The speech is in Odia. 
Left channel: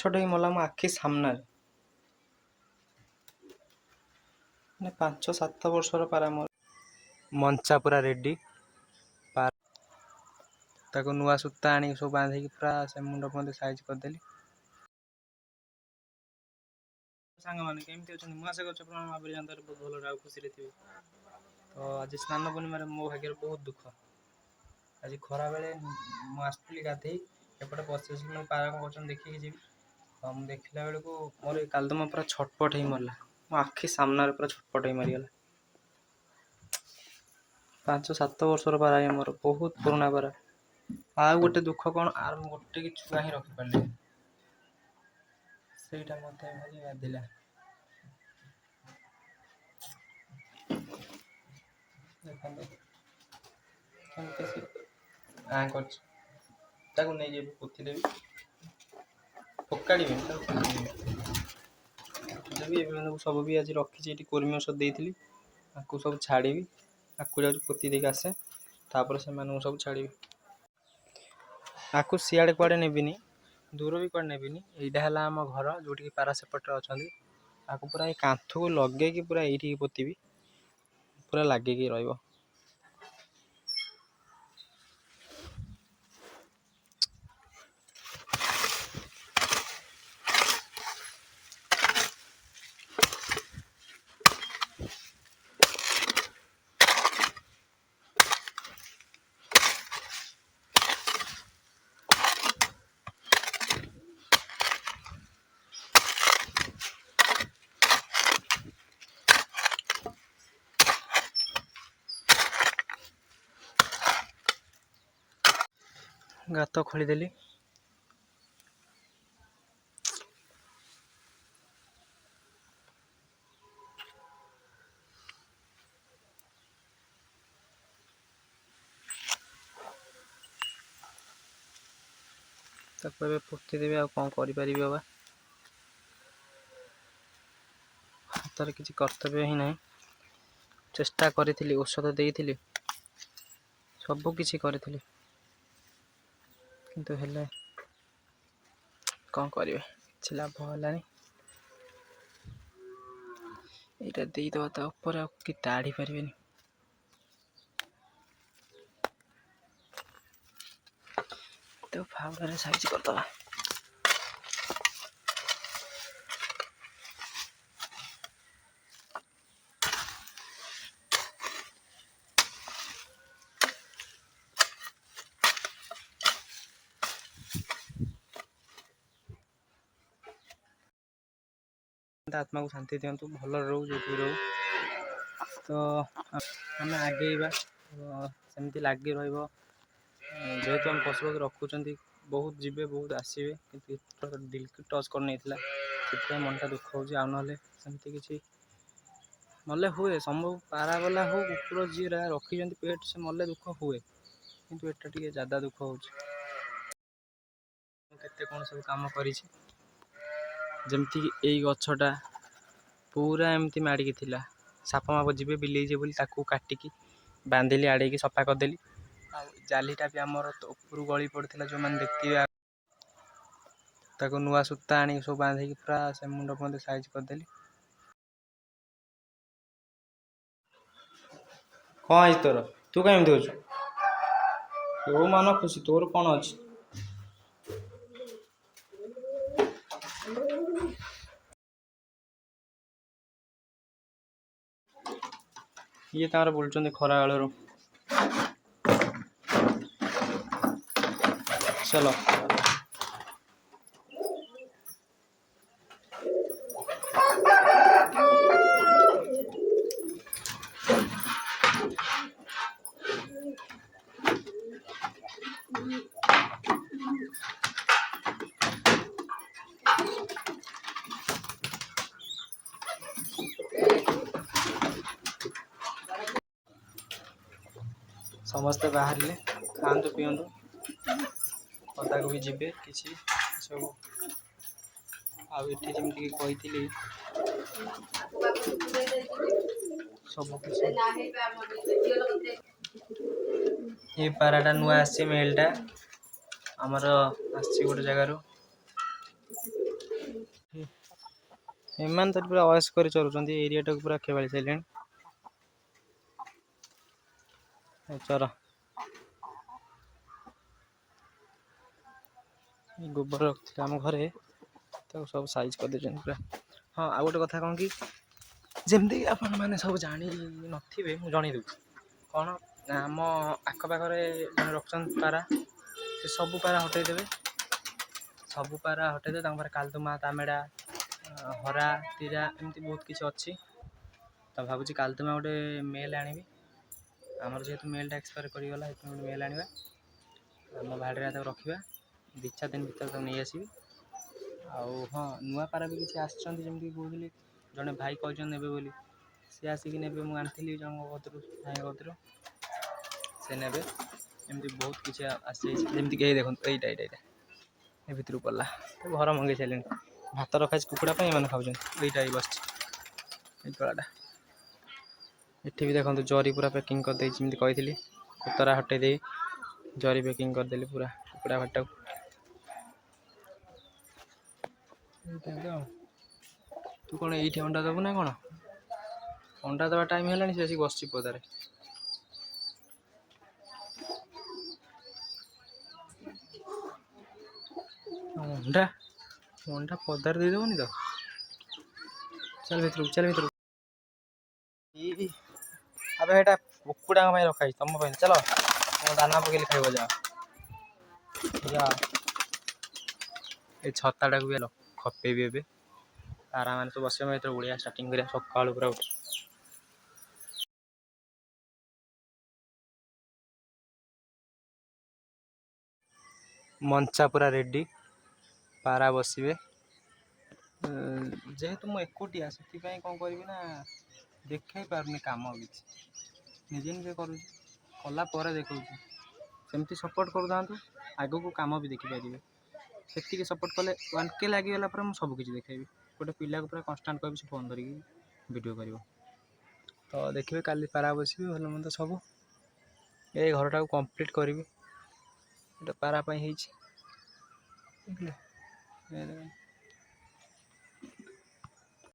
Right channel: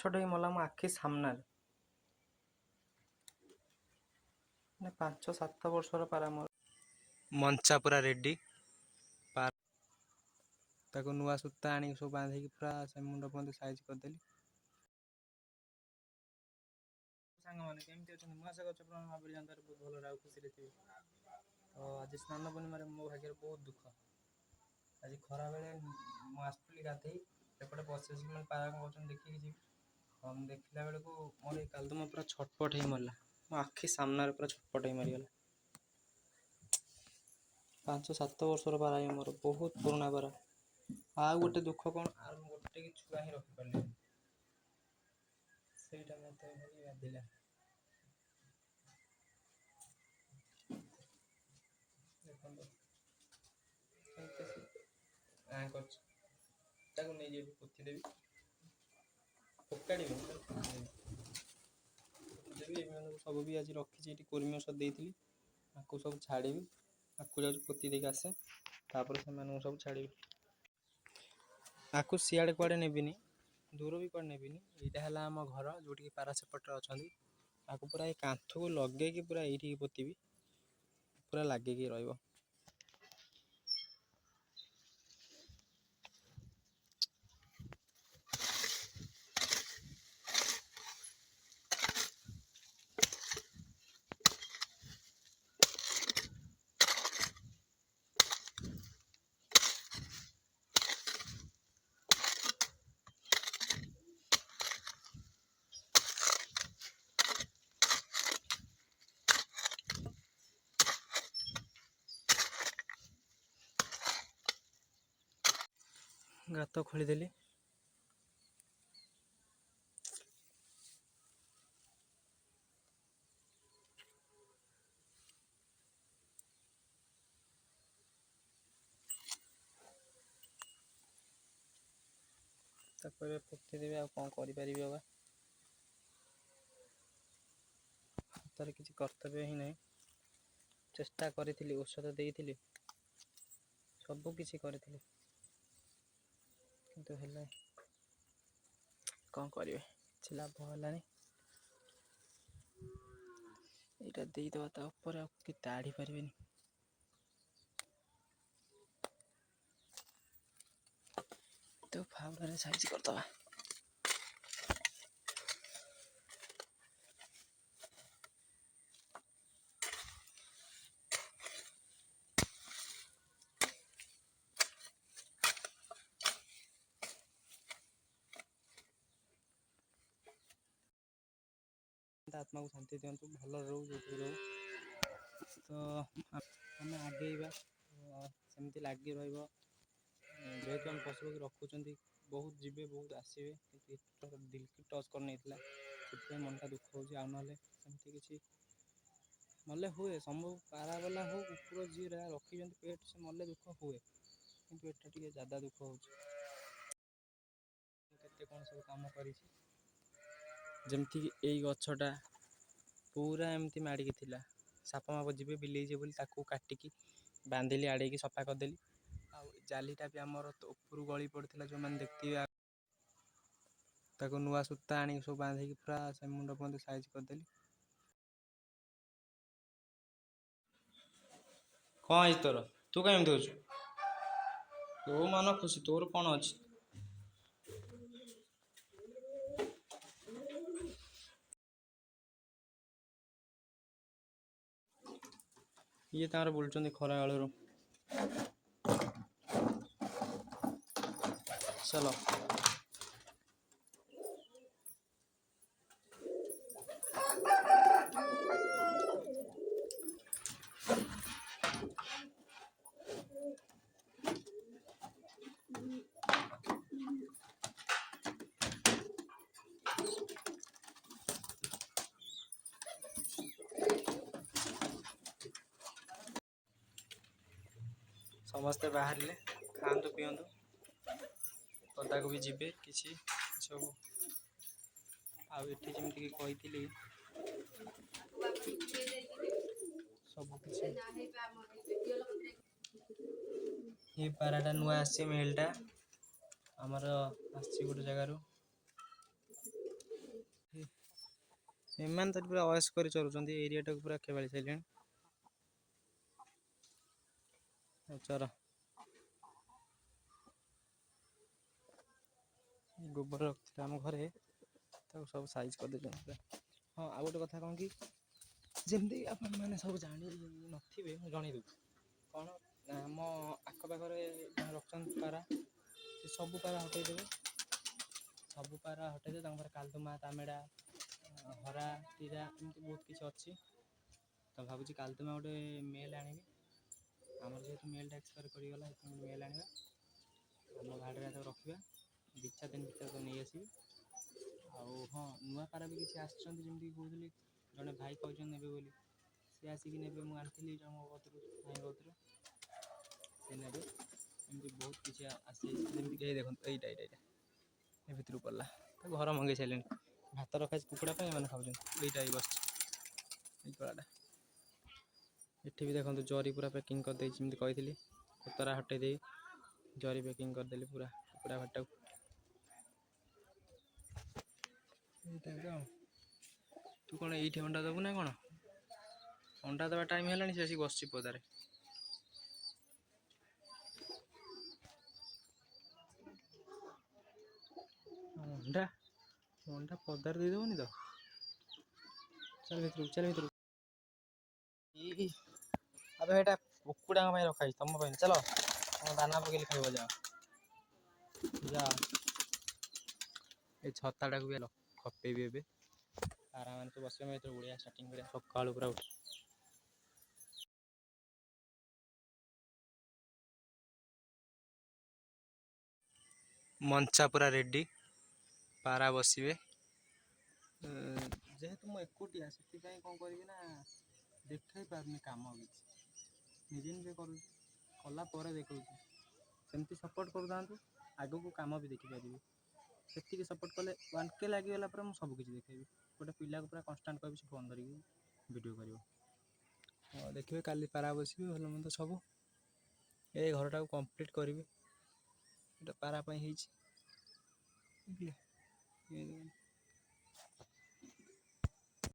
ମାଛଟା ହିଁ ମଲା ମୋ ଆଖି ସାମ୍ନାରେ। ମାନେ 5-7 ବର୍ଷର ପାରା ମୋର ମଞ୍ଚା ପୁରା ରେଡି। ତାକୁ ନୂଆ ସୂତା ଆଣିକି ସବୁ ବାନ୍ଧିକି ପୁରା ସେ ମୁଣ୍ଡ ଫୁଣ୍ଡ ସାଇଜ୍ କରିଦେଲି। ସାଙ୍ଗମାନେ କେମିତି ଅଛନ୍ତି? ମୁଁ ଆଶା କରୁଛି ଆପଣ ଭାବରେ ଜାଣିತಾರೆ ବହୁତ ଭଲରେ ଆଉ ଖୁସିରେ ଥିବେ। ତ ଆଜି ସ୍ନାନ ପୂର୍ଣ୍ଣିମାରେ ମୋ ଭାଗ୍ୟରେ ବହୁତ ଦୁଃଖ। ଆଜି ଖରାବେଳେ ମୁଁ ଆସିଥିଲି ଗାଧେଇ, ଏପଟେ ବସିଛି ମୁଁ ପାରା କ'ଣ କରୁଛନ୍ତି ଦେଖିକି ଯିବି। ମୁଁ ଦେଖିଲା ବେଳକୁ ମୋର ଏ କାଲଦମା ପୁରା ଛଟପଟ ହେଇ ମରିଲା। ମୋ ଆଖି ସାମ୍ନାରେ ପୁରା ଛଟପଟ ହେଇ ମରିଗଲା। 5-7 ବର୍ଷର ପାରା ମୋର, ବହୁତ ପୁରୁଣା ପାରା। ଆଉ ଗୋଟେ ଦୁଃଖ କ'ଣ, ଆର ମୁଁ ଗୋଟେ କି ଛୁଆ ହିଁ ରଖିପାରିଲି, ସେଇଟା ମୋତେ ଭାରି ବାଧିଲା। ଦେଖନ୍ତୁ କେମିତି ସେ କରିଛି। ତାକୁ ନେଇକି ଏବେ ପୋତି ଦେବି, ପକାଡ଼ିବିନି ତାକୁ ଦେବି। ଏବେ ସବୁ ବି ଆଜି ରଖିଛି ଏଠି, କର୍ମୀ ଔଷଧ ଦେଇଥିଲି, ଆକୁ ସବୁ ଛାଡ଼ିବି। ଆକୁ ଯାଉଛି ପୋତି ଦେଇକି ଆସେ, ତାପରେ ସେମାନଙ୍କୁ ସବୁ ଛାଡ଼ିବି। ଆକୁ ସିଆଡ଼େ କୁଆଡ଼େ ନେବିନି, ଦୂର ବି କୁଆଡ଼େ ନେବିନି। ଏଇଟା ହେଲା ଆମ ଘର, ଯେଉଁଠିକି ପାରା ସେପଟରେ ଅଛନ୍ତି। ଆକୁ ପୁରା ଏଇ କାନ୍ଥକୁ ଲଗେଇକି ପୁରା ଏଇଠିକି ପୋତିବି, ପୁରା ଲାଗିକି ରହିବ। ଗାତ ଖୋଳିଦେଲି। ତାକୁ ଏବେ ପୋତି ଦେବି, ଆଉ କ'ଣ କରିପାରିବି ବାବା। ହାତରେ କିଛି କର୍ତ୍ତବ୍ୟ ହିଁ ନାହିଁ। ଚେଷ୍ଟା କରିଥିଲି, ଔଷଧ ଦେଇଥିଲି, ସବୁ କିଛି କରିଥିଲି, କିନ୍ତୁ ହେଲେ କ'ଣ କରିବେ, କିଛି ଲାଭ ହେଲାନି। ଏଇଟା ଦେଇଦେବା ତା ଉପରେ, ଆଉ କି ତାଡ଼ି ପାରିବେନି। ତ ଫାଉଡ଼ାରେ ସାଇଜ୍ କରିଦେବା। ଆତ୍ମାକୁ ଶାନ୍ତି ଦିଅନ୍ତୁ, ଭଲରେ ରହୁ, ଯୋଉଠି ରହୁ। ତ ଆମେ ଆଗେଇବା, ସେମିତି ଲାଗି ରହିବ। ଯେହେତୁ ଆମେ ପଶୁପକ୍ଷୀ ରଖୁଛନ୍ତି, ବହୁତ ଯିବେ ବହୁତ ଆସିବେ, କିନ୍ତୁ ଏଥର ଦିଲ୍କୁ ଟଚ୍ କରିନେଇଥିଲା, ସେଥିପାଇଁ ମନଟା ଦୁଃଖ ହେଉଛି। ଆଉ ନହେଲେ ସେମିତି କିଛି ମଲେ ହୁଏ, ସବୁ ପାରାବାଲା ହଉ କୁକୁର ଯିଏ ରଖିଛନ୍ତି ପେଟ୍, ସେ ମଲେ ଦୁଃଖ ହୁଏ, କିନ୍ତୁ ଏଟା ଟିକେ ଜ୍ୟାଦା ଦୁଃଖ ହେଉଛି। କେତେ କ'ଣ ସବୁ କାମ କରିଛି, ଯେମିତିକି ଏଇ ଗଛଟା ପୁରା ଏମିତି ମାଡ଼ିକି ଥିଲା, ସାପ ମାପ ଯିବେ ବିଲେଇ ଯିବେ ବୋଲି ତାକୁ କାଟିକି ବାନ୍ଧିଲି, ଆଡ଼େଇକି ସଫା କରିଦେଲି। ଆଉ ଜାଲିଟା ବି ଆମର ଉପରୁ ଗଳି ପଡ଼ିଥିଲା, ଯେଉଁମାନେ ଦେଖିଥିବେ, ତାକୁ ନୂଆ ସୂତା ଆଣିକି ସବୁ ବାନ୍ଧିକି ପୁରା ସେ ମୁଣ୍ଡ ଫୁଣ୍ଡ ସାଇଜ୍ କରିଦେଲି। କ'ଣ ହେଇଛି ତୋର? ତୁ କାଇଁ ଏମିତି ହଉଛୁ? ତୋ ମନ ଖୁସି, ତୋର କ'ଣ ଅଛି? ଇଏ ତାଙ୍କର ବୁଲୁଛନ୍ତି ଖରା ବେଳରୁ। ଚାଲ ସମସ୍ତେ ବାହାରିଲେ, ଖାଆନ୍ତୁ ପିଅନ୍ତୁ, ପଦାକୁ ବି ଯିବେ କିଛି ସବୁ। ଆଉ ଏଠି ଯେମିତିକି କହିଥିଲି ସବୁ କିଛି। ଏ ପାରାଟା ନୂଆ ଆସିଛି, ମେଲ୍ଟା ଆମର ଆସିଛି ଗୋଟେ ଜାଗାରୁ। ଏମାନେ ତ ପୁରା ଅଏସ୍ କରି ଚରୁଛନ୍ତି ଏରିଆଟାକୁ ପୁରା ଖେବାଳି ସାରିଲେଣି। ଚର ଗୋବର ରଖିଥିଲେ ଆମ ଘରେ ତାକୁ ସବୁ ସାଇଜ୍ କରିଦେଇଛନ୍ତି ପୁରା। ହଁ ଆଉ ଗୋଟେ କଥା କ'ଣ କି ଯେମିତି ଆପଣମାନେ ସବୁ ଜାଣି ନଥିବେ ମୁଁ ଜଣେଇ ଦେଉଛି କ'ଣ ଆମ ଆଖପାଖରେ ଜଣେ ରଖୁଛନ୍ତି ପାରା ସେ ସବୁ ପାରା ହଟେଇଦେବେ ତାଙ୍କ ପାଖରେ କାଲଦୁମା ତାମେଡ଼ା ହରା ତିରା ଏମିତି ବହୁତ କିଛି ଅଛି। ତ ଭାବୁଛି କାଲଦୁମା ଗୋଟେ ମେଲ୍ ଆଣିବି ଆମର ଯେହେତୁ ମେଲ୍ଟା ଏକ୍ସପାୟାର କରିଗଲା ସେଥିପାଇଁ ଗୋଟେ ମେଲ୍ ଆଣିବା ଆମ ବାଡ଼ିରେ ତାକୁ ରଖିବା 2-4 ଦିନ ଭିତରେ ତାକୁ ନେଇ ଆସିବି। ଆଉ ହଁ ନୂଆ ପାରା ବି କିଛି ଆସିଛନ୍ତି ଯେମିତି କହୁଥିଲି ଜଣେ ଭାଇ କହିଛନ୍ତି ନେବେ ବୋଲି ସିଏ ଆସିକି ନେବେ ମୁଁ ଆଣିଥିଲି ଜଣଙ୍କ ଭାଇଙ୍କ କତିରୁ ସେ ନେବେ। ଏମିତି ବହୁତ କିଛି ଆସିଯାଇଛି ଯେମିତିକି ଏଇ ଦେଖନ୍ତୁ ଏଇଟା ଏ ଭିତରକୁ ପଡ଼ିଲା ଘର ମଙ୍ଗେଇ ସାରିଲେଣି ଭାତ ରଖାଯାଇଛି କୁକୁଡ଼ା ପାଇଁ ଏମାନେ ଖାଉଛନ୍ତି। ଏଇଟା ବସିଛି ଏଇ ତଳାଟା ଏଠି ବି ଦେଖନ୍ତୁ ଜରି ପୁରା ପ୍ୟାକିଂ କରିଦେଇଛି ଯେମିତି କହିଥିଲି କୁତରା ହଟେଇ ଦେଇ ଜରି ପ୍ୟାକିଂ କରିଦେଲି ପୁରା କୁକୁଡ଼ା ଭାଟକୁ। ତୁ କ'ଣ ଏଇଠି ଅଣ୍ଡା ଦେବୁ ନା କ'ଣ? ଅଣ୍ଡା ଦେବା ଟାଇମ୍ ହେଲାଣି ସେ ଆସିକି ବସିଛି ପଦାରେ। ଅଣ୍ଡା ପଦାରେ ଦେଇଦେବନି ତ ଚାଲ ଭିତରକୁ ଆବେ ଏଇଟା କୁକୁଡ଼ାଙ୍କ ପାଇଁ ରଖା ହେଇଛି ତମ ପାଇଁ ଚାଲ ତମ ଦାନା ପକେଇଲେ ଖାଇବ ଯାଅ। ଏଇ ଛତାଟାକୁ ବି ଖପେଇବି ଏବେ ଆରାମରେ ତ ବସିବା ଏଥର ଓଡ଼ିଆ ଷ୍ଟାର୍ଟିଂ କରିବା ସକାଳୁ ପୁରା ମଞ୍ଚା ପୁରା ରେଡ଼ି ପାରା ବସିବେ। ଯେହେତୁ ମୁଁ ଏକୁଟିଆ ସେଥିପାଇଁ କ'ଣ କରିବି ନା ଦେଖାଇ ପାରୁନି କାମ କିଛି ନିଜେ କରୁଛି କଲା ପରେ ଦେଖାଉଛି। ସେମିତି ସପୋର୍ଟ କରୁଥାନ୍ତୁ ଆଗକୁ କାମ ବି ଦେଖିପାରିବେ। ସେତିକି ସପୋର୍ଟ କଲେ 1K ଲାଗିଗଲା ପରେ ମୁଁ ସବୁ କିଛି ଦେଖାଇବି। ଗୋଟେ ପିଲାକୁ ପୁରା କନଷ୍ଟାଣ୍ଟ କହିବି ସେ ଫୋନ୍ ଧରିକି ଭିଡ଼ିଓ କରିବ। ତ ଦେଖିବେ କାଲି ପାରା ବସିବି ଭଲ ମନ୍ଦ ସବୁ ଏଇ ଘରଟାକୁ କମ୍ପ୍ଲିଟ୍ କରିବି। ଗୋଟେ ପାରା ପାଇଁ ହେଇଛି